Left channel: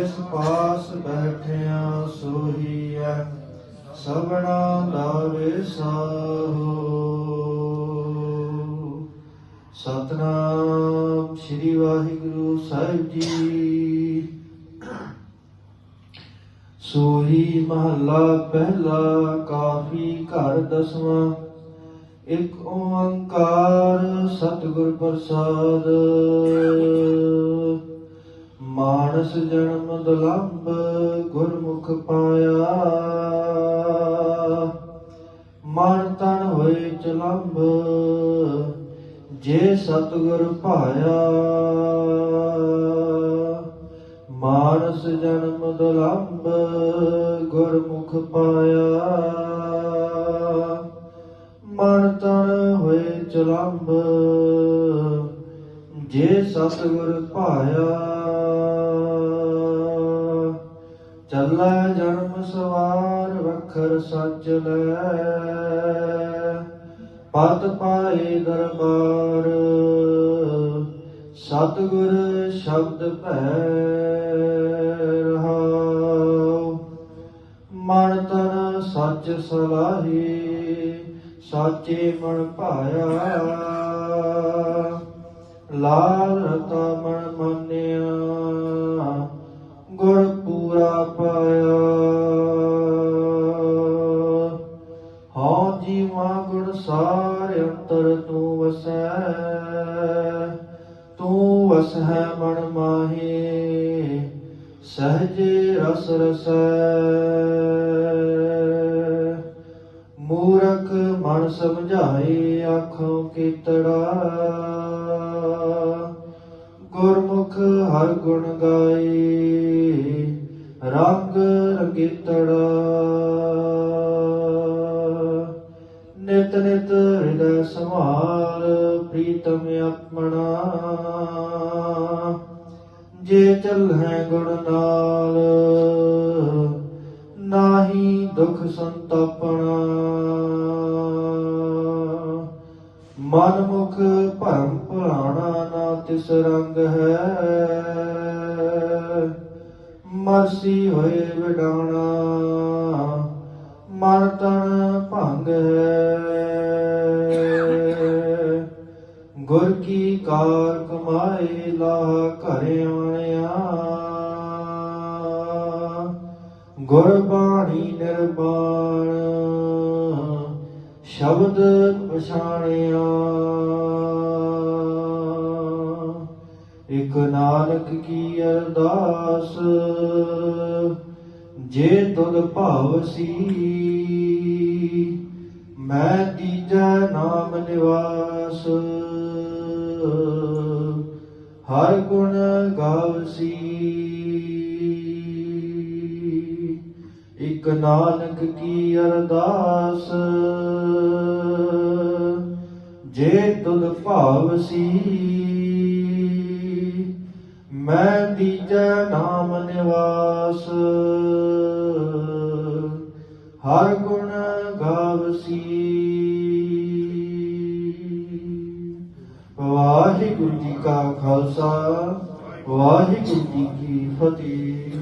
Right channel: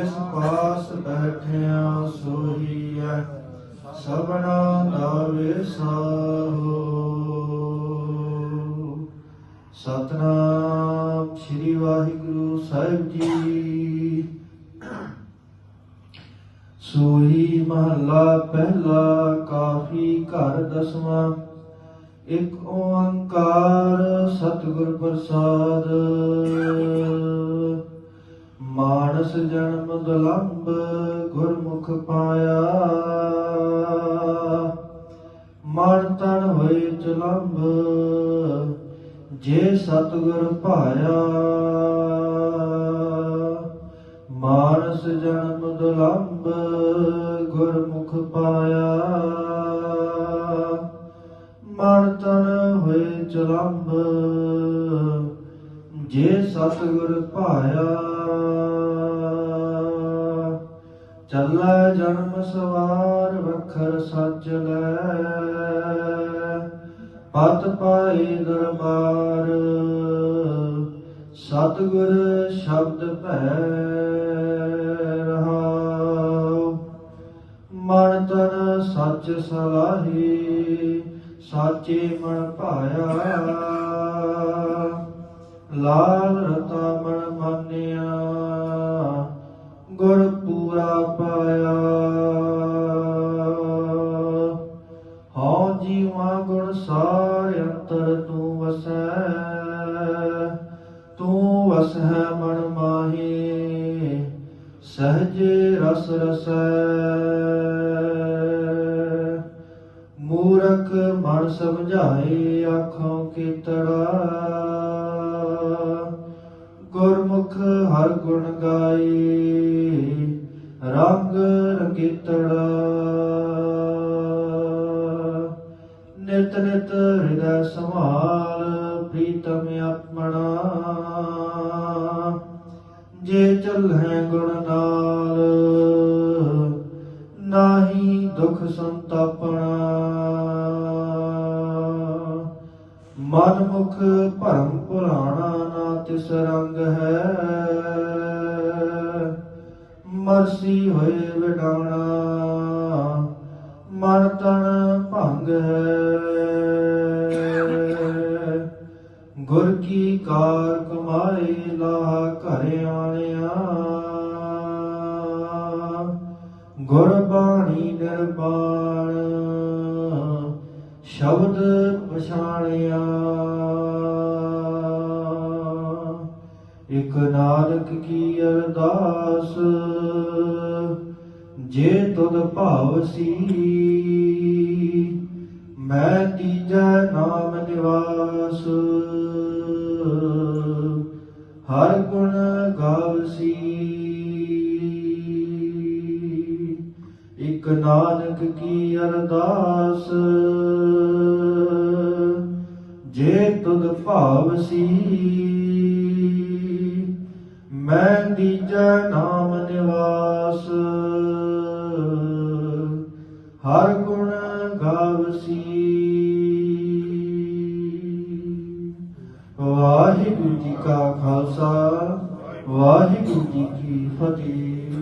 ਜਿਸ ਪਾਸ ਬੈਠਿਆ ਸੋਹੀਐ, ਸਭਨਾ ਦਾ ਵਿਸਾਹੋ ਸਤਨਾਮ ਸ੍ਰੀ ਵਾਹਿਗੁਰੂ ਸਾਹਿਬ ਜੀ। ਸੋਹੀ ਮਹੱਲਾ ਪਹਿਲਾ, ਕਾਫੀ ਘਰ ਦਸਵਾਂ। ਇੱਕ ਓੰਕਾਰ ਸਤਿਗੁਰ ਪ੍ਰਸਾਦ। ਮਾਨਸ ਜਨਮ ਦਲੰਬ ਗੁਰਮੁਖ ਪਾਇਆ। ਮਨ ਤਨ ਹੋਏ ਚਲੰਬ, ਜੇ ਸਤਿਗੁਰ ਭਾਇਆ। ਮਾਨਸ ਜਨਮ ਦਲੰਬ ਗੁਰਮੁਖ ਪਾਇਆ। ਮਨ ਤਨ ਹੋਏ ਚਲੰਬ, ਜੇ ਸਤਿਗੁਰ ਭਾਇਆ। ਚੱਲੈ ਜਨਮ ਸਵਾਰ ਵਖਰ ਸੱਚ ਲੈ। ਪਤ ਪਾਏ ਦਰਬਾਰ, ਸਤਿਗੁਰ ਸ਼ਬਦ ਭੈ ਰਹਾਉ। ਮਨ ਤਨ ਸੱਚ ਸਲਾਹੀ, ਸਾਚੇ ਮਨ ਭਾਇਆ। ਲਾਲ ਹਉ ਜੀਵਾ ਗੁਣ ਸਾਰ ਅੰਤਰ ਤੂੰ ਵਸੈ ਤੂੰ ਵਸੈ ਮਨ ਮਾਹੀ, ਸਹਜੇ ਰਸ ਰਸੈ। ਮੂਰਖ ਮਨ ਸਮਝਾਏ ਆਖੋ ਕੀਤੜਾ, ਗੁਰਮੁਖ ਹਰ ਗੁਣ ਗਾਏ, ਰੰਗ ਰੰਗੀਤੜਾ ਨਿਤ ਨਿਤ ਹਿਰਦੈ ਸੰਭਾਲ ਪ੍ਰੀਤਮ ਆਪਣਾ। ਜੇ ਚੱਲੈ ਗੁਣ ਨਾਲ, ਨਾਹੀ ਦੁਖ ਸੰਤਾਪਣਾ। ਮਨ ਮੁਖ ਭਰਮ ਭੁਲਾਣਾ ਨਾ ਤਿਸ ਰੰਗ ਮਰਸੀ ਹੋਏ ਵਿਡਾਣਾ ਮਨ ਤਨ ਭੰਗ ਹੈ ਗੁਰ ਕੀ ਕਾਰ ਕਮਾਏ ਲਾ ਘਰ ਆਣਿਆ। ਗੁਰ ਬਾਣੀ ਨਿਰਵਾਣ ਸ਼ਬਦ ਪਛਾਣਿਆ। ਇਕ ਨਾਨਕ ਕੀ ਅਰਦਾਸ, ਜੇ ਤੁਧ ਭਾਵਸੀ ਮੈਂ ਤੀਜਾ ਨਾਮ ਨਿਵਾਸ। ਹਰ ਗੁਣ ਗਾਵਸੀ ਇਕ ਨਾਨਕ ਕੀ ਅਰਦਾਸ, ਜੇ ਤੁਧ ਭਾਵਸੀ ਮੈਂ ਤੀਜਾ ਨਾਮ ਨਿਵਾਸ। ਹਰ ਗੁਣ ਗਾਵਸੀ। ਵਾਹਿਗੁਰੂ ਜੀ ਕਾ ਖਾਲਸਾ, ਵਾਹਿਗੁਰੂ ਜੀ ਕੀ ਫਤਿਹ।